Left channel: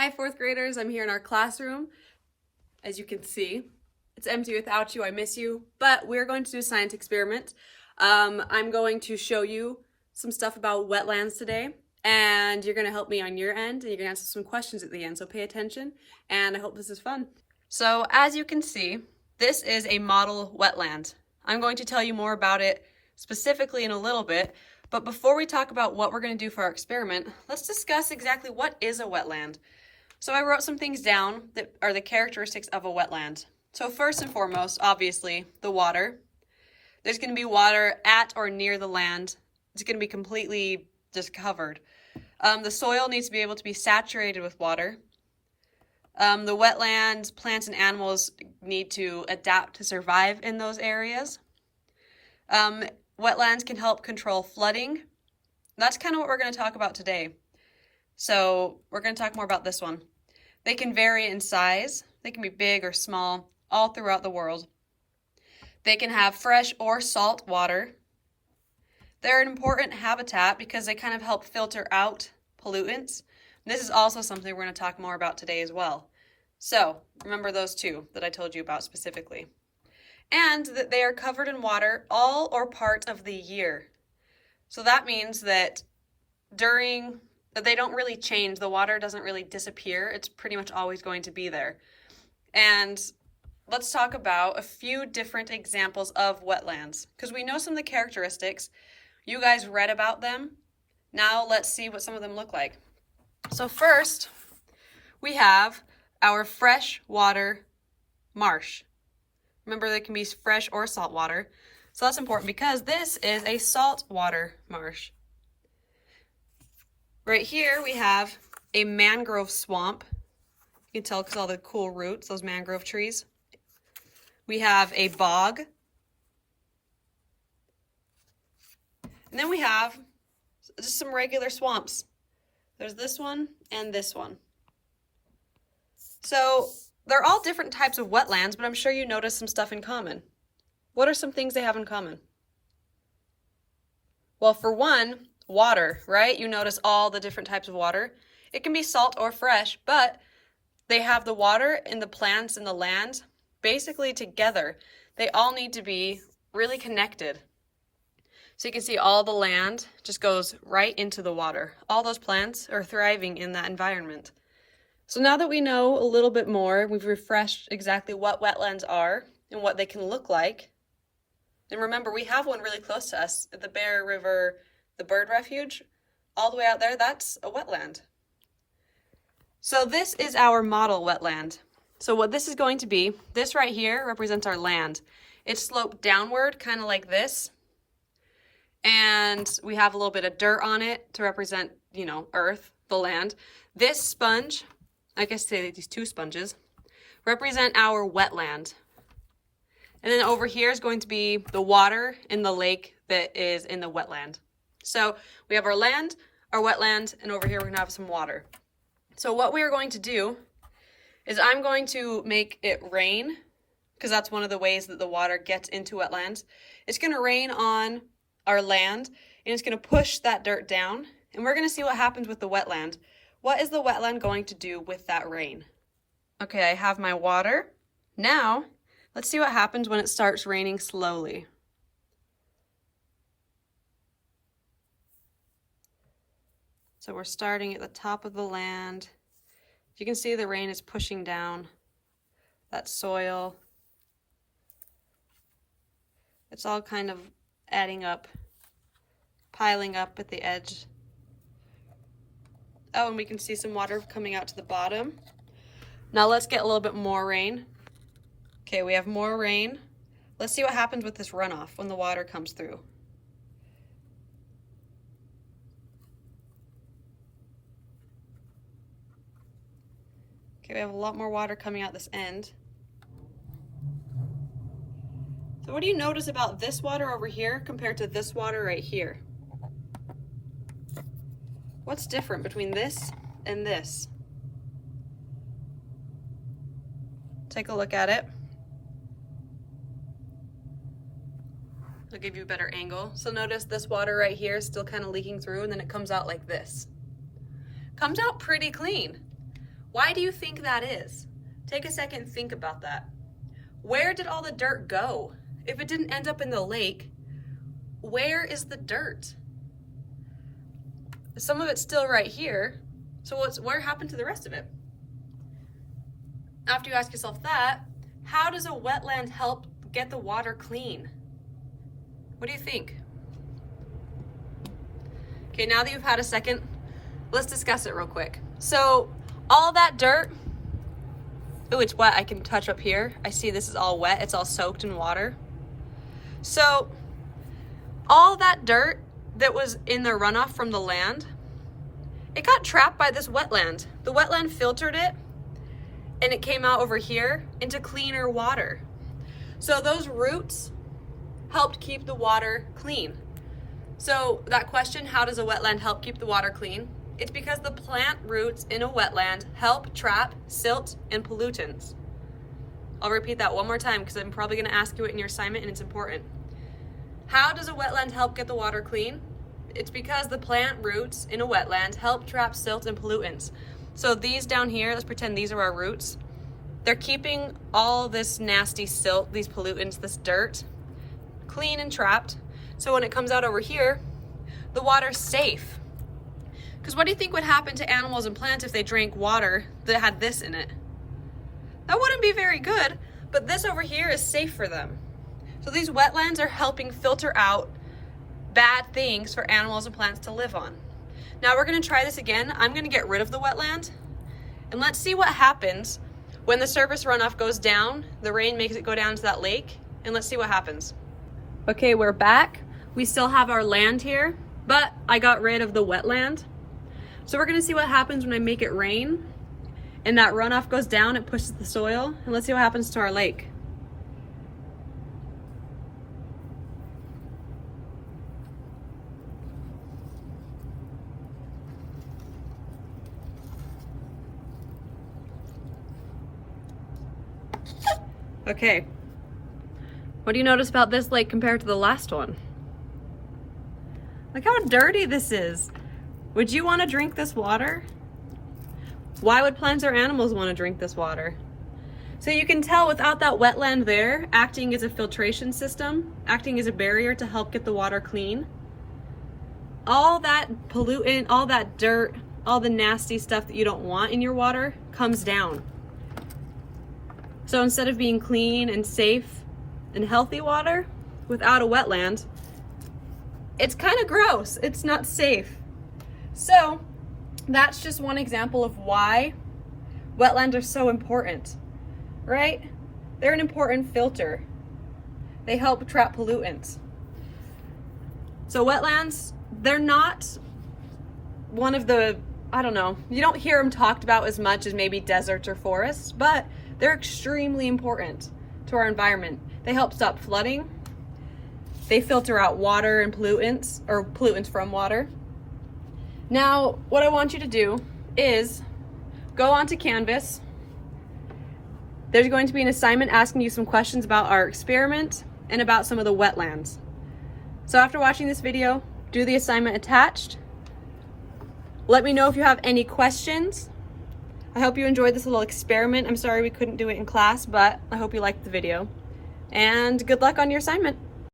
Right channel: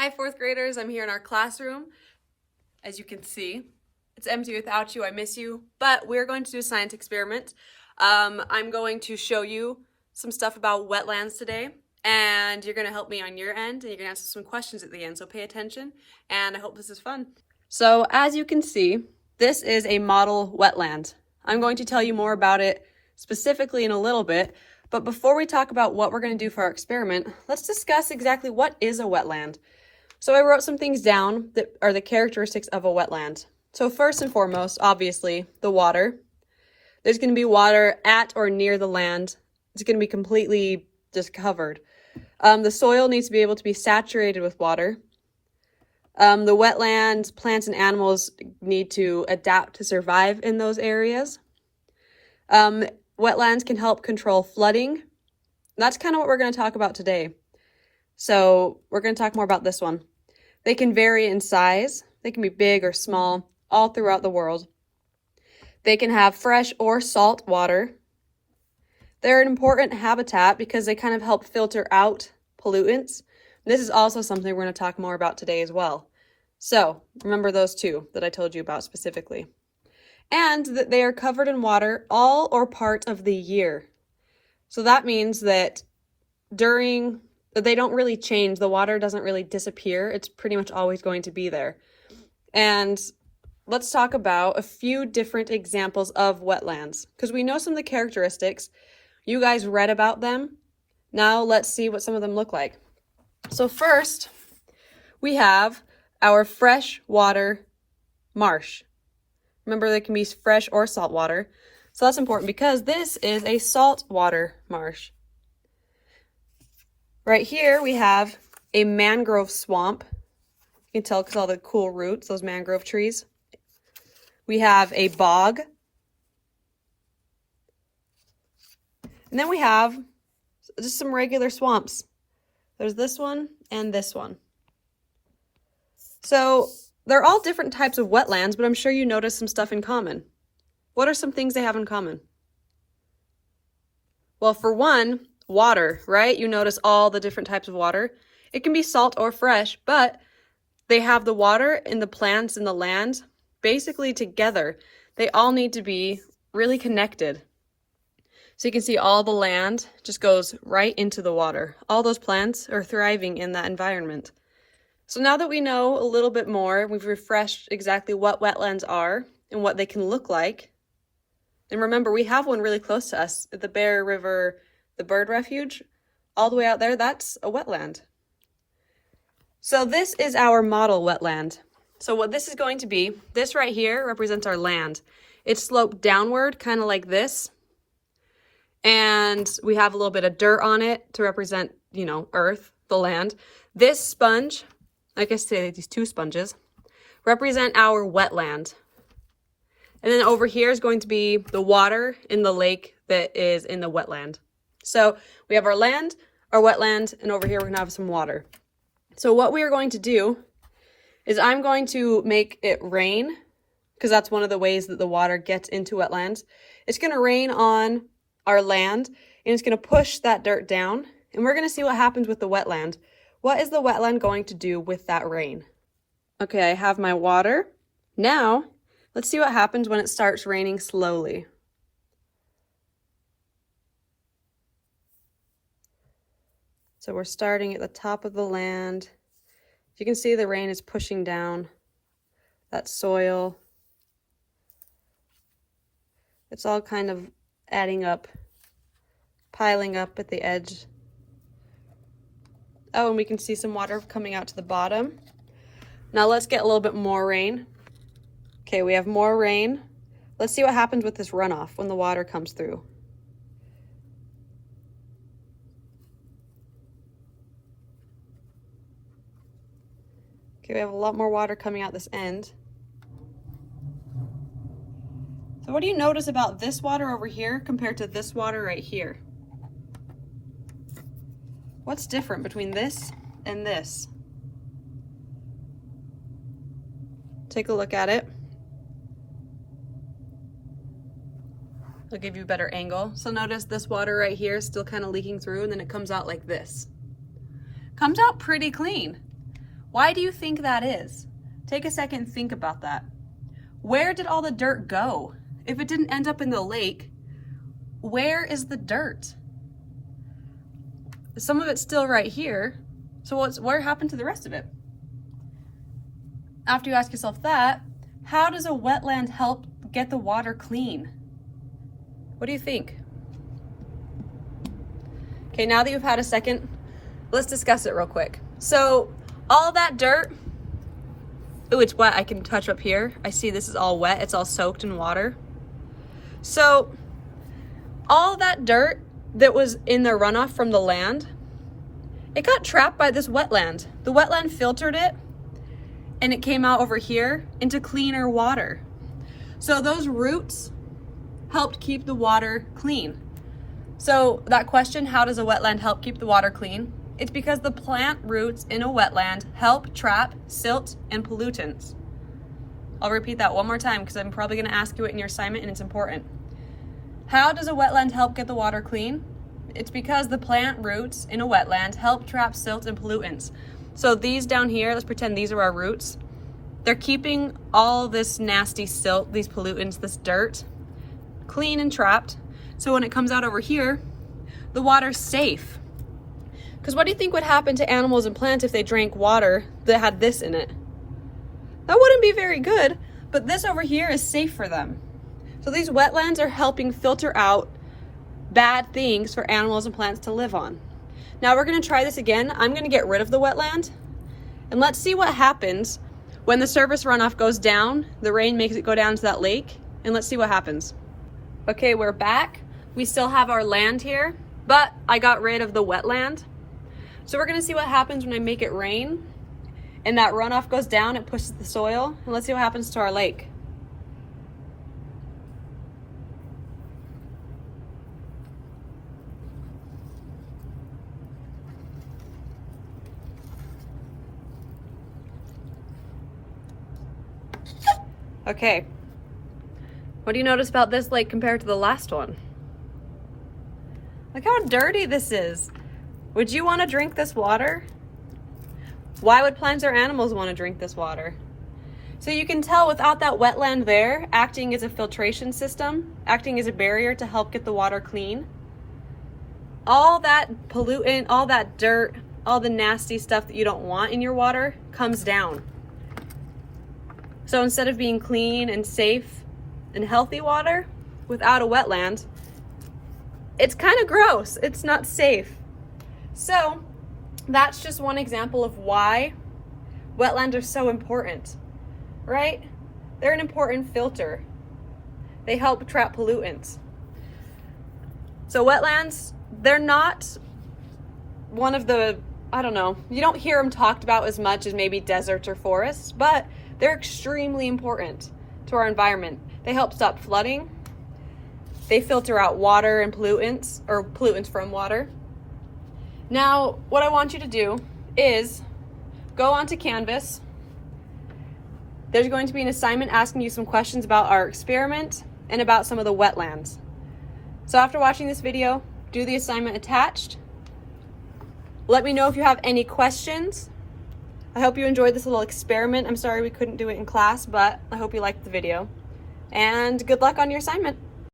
Hi, fourth graders. I'm here in our classroom. As you can see, it's empty without you. I miss you. But we're going to do a science experiment. I'm going to show you some stuff about wetlands today, and you're going to help me on your end, and you're going to answer some questions at the end. So pay attention, and I hope this is fun. So as you can see, this is a model wetland. I'm going to tell you more about it specifically in a little bit. But before we talk about what we're going to do for our experiment, let's discuss exactly what is a wetland. So I wrote some things down that are the characteristics of a wetland. So first and foremost, obviously, the water. There's going to be water at or near the land. It's going to be completely just covered. The soil needs to be able to be saturated with water. The wetland, plants and animals need to adapt to survive in those areas. Wetlands can help control flooding. That's kind of what we're going to talk about today. So we're going to talk more about this one. They can vary in size. They can be big or small, all throughout the world. They can have fresh or salt water. They're an important habitat because they kind of help filter out pollutants. This is also something we're going to talk more about today as well. So remember those two that I told you about specifically. And that they are covered in water all or part of the year. So that means that they don't really change. The water doesn't really disappear. It's pretty much always going to be there. And let's talk about a few different examples of wetlands because we know some of the characteristics. You guys read about them. Now let's see what some of them look like. So first, we have our freshwater marsh. Remember, they can be fresh or salt water. So that's important because this is a saltwater marsh. Right here, we have a mangrove swamp. You can tell because all the cool roots, those mangrove trees. We have a bog. And then we have just some regular swamps. There's this one and this one. So they're all different types of wetlands, but I'm sure you noticed some stuff in common. What are some things they have in common? Well, for one, water, right? You notice all the different types of water. It can be salt or fresh, but they have the water and the plants and the land basically together. They all need to be really connected. So you can see all the land just goes right into the water. All those plants are thriving in that environment. So now that we know a little bit more, we've refreshed exactly what wetlands are and what they can look like. And remember, we have one really close to us at the Bear River, the bird refuge, all the way out there. That's a wetland. So this is our model wetland. So what this is going to be, this right here represents our land. It's sloped downward, kind of like this. And we have a little bit of dirt on it to represent, earth, the land. This sponge, like I say, these two sponges, represent our wetland. And then over here is going to be the water in the lake that is in the wetland. So we have our land, our wetland, and over here we're gonna have some water. So what we are going to do is I'm going to make it rain, because that's one of the ways that the water gets into wetlands. It's gonna rain on our land, and it's gonna push that dirt down, and we're gonna see what happens with the wetland. What is the wetland going to do with that rain? Okay, I have my water. Now, let's see what happens when it starts raining slowly. So we're starting at the top of the land. You can see the rain is pushing down that soil. It's all kind of adding up, piling up at the edge. Oh, and we can see some water coming out to the bottom. Now let's get a little bit more rain. Okay, we have more rain. Let's see what happens with this runoff when the water comes through. Okay, we have a lot more water coming out this end. So what do you notice about this water over here compared to this water right here? What's different between this and this? Take a look at it. I'll give you a better angle. So notice this water right here is still kind of leaking through, and then it comes out like this. Comes out pretty clean. Why do you think that is? Take a second and think about that. Where did all the dirt go? If it didn't end up in the lake, where is the dirt? Some of it's still right here. So where happened to the rest of it? After you ask yourself that, how does a wetland help get the water clean? What do you think? Okay, now that you've had a second, let's discuss it real quick. So all that dirt, ooh, it's wet. I can touch up here. I see this is all wet. It's all soaked in water. So all that dirt that was in the runoff from the land, it got trapped by this wetland. The wetland filtered it and it came out over here into cleaner water. So those roots helped keep the water clean. So that question, how does a wetland help keep the water clean? It's because the plant roots in a wetland help trap silt and pollutants. I'll repeat that one more time because I'm probably gonna ask you it in your assignment and it's important. How does a wetland help get the water clean? It's because the plant roots in a wetland help trap silt and pollutants. So these down here, let's pretend these are our roots. They're keeping all this nasty silt, these pollutants, this dirt, clean and trapped. So when it comes out over here, the water's safe. Because what do you think would happen to animals and plants if they drank water that had this in it? That wouldn't be very good, but this over here is safe for them. So these wetlands are helping filter out bad things for animals and plants to live on. Now we're gonna try this again. I'm gonna get rid of the wetland and let's see what happens when the surface runoff goes down, the rain makes it go down to that lake, and let's see what happens. Okay, we're back. We still have our land here, but I got rid of the wetland. So we're gonna see what happens when I make it rain and that runoff goes down, it pushes the soil, and let's see what happens to our lake. Okay, what do you notice about this lake compared to the last one? Look how dirty this is. Would you want to drink this water? Why would plants or animals want to drink this water? So you can tell without that wetland there, acting as a filtration system, acting as a barrier to help get the water clean, all that pollutant, all that dirt, all the nasty stuff that you don't want in your water comes down. So instead of being clean and safe and healthy water, without a wetland, it's kind of gross. It's not safe. So that's just one example of why wetlands are so important, right? They're an important filter. They help trap pollutants. So wetlands, they're not one of the, I don't know, you don't hear them talked about as much as maybe deserts or forests, but they're extremely important to our environment. They help stop flooding. They filter out water and pollutants, or pollutants from water. Now, what I want you to do is go onto Canvas. There's going to be an assignment asking you some questions about our experiment and about some of the wetlands. So after watching this video, do the assignment attached. Let me know if you have any questions. I hope you enjoyed this little experiment. I'm sorry we couldn't do it in class, but I hope you liked the video. And good luck on your assignment.